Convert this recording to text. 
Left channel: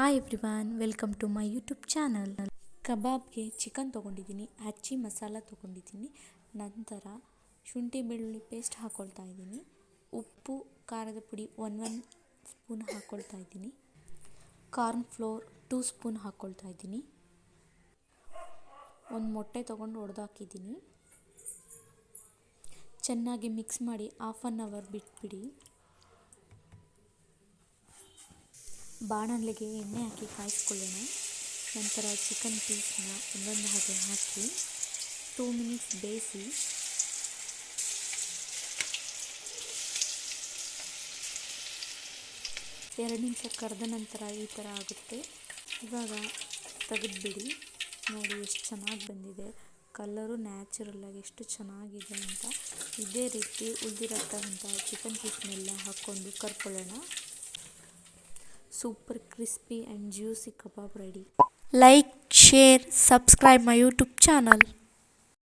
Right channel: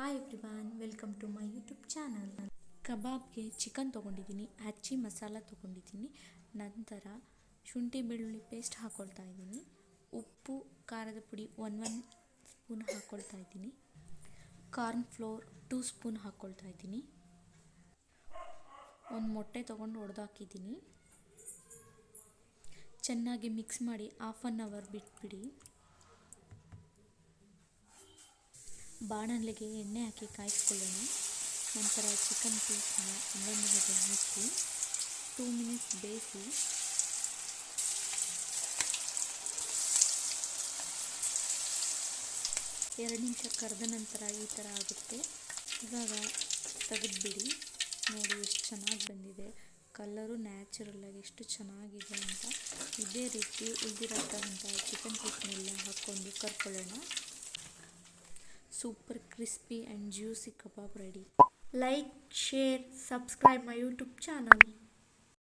Hi everyone, welcome to my YouTube channel. ಕಬಾಬ್ಗೆ chicken ತೊಗೊಂಡಿದ್ದೀನಿ, ಹಚ್ಚಿ ಮಸಾಲ ತೊಗೊಂಡಿದ್ದೀನಿ. ನಂತರ ಶುಂಠಿ ಬೆಳ್ಳುಳ್ಳಿ ಪೇಸ್ಟ್ ಹಾಕ್ಕೊಳ್ತಾ ಇದ್ದೀನಿ. ಉಪ್ಪು ಖಾರದ ಪುಡಿ 1 ಸ್ಪೂನ್ ಹಾಕ್ಕೊಳ್ತಾ ಇದ್ದೀನಿ. ಕಾರ್ನ್ ಫ್ಲೋರ್ 2 ಸ್ಪೂನ್ ಹಾಕ್ಕೊಳ್ತಾ ಇದ್ದೀನಿ. ಒಂದು ಮೊಟ್ಟೆ ತೊಗೊಂಡು ಒಡೆದಾಕಿದ್ದೀನಿ. ಚೆನ್ನಾಗಿ ಮಿಕ್ಸ್ ಮಾಡಿ 1/2 ಅವರ್ ಬಿಟ್ಬಿಡಿ. ಬಾಣಲೆಗೆ ಎಣ್ಣೆ ಹಾಕಿ ಕಾಯಿಸ್ಕೊಳ್ಳೋಣ. ನಂತರ ಚಿಕನ್ ಪೀಸ್ನ ಒಂದೊಂದು ಹಾಗೆ ಹಾಕಿ 2 ಮಿನಿಟ್ಸ್ ಬೇಯಿಸಿ. ಎರಡು ನಿಮಿಷ ಕರೆದ ನಂತರ ಈ ಥರ ಆಗುತ್ತೆ. ಇವಾಗ ತೆಗೆದುಬಿಡಿ. ನೋಡಿ ಎಷ್ಟು ಚೆನ್ನಾಗಿ ಬಂದಿದೆ. ಕಲರು ನ್ಯಾಚುರಲ್ಲಾಗಿ ಎಷ್ಟು ಚೆನ್ನಾಗಿದೆ ಅಂತ. ಇದೇ ರೀತಿ ಉಳಿದಿರೋಂಥ ಚಿಕನ್ ಪೀಸ್ನೆಲ್ಲ ಹಾಕ್ಕೊಂಡು ಕರ್ಕೊಳ್ಳೋಣ. Super crispy and juicy kebab ready. Like, share, subscribe my YouTube channel.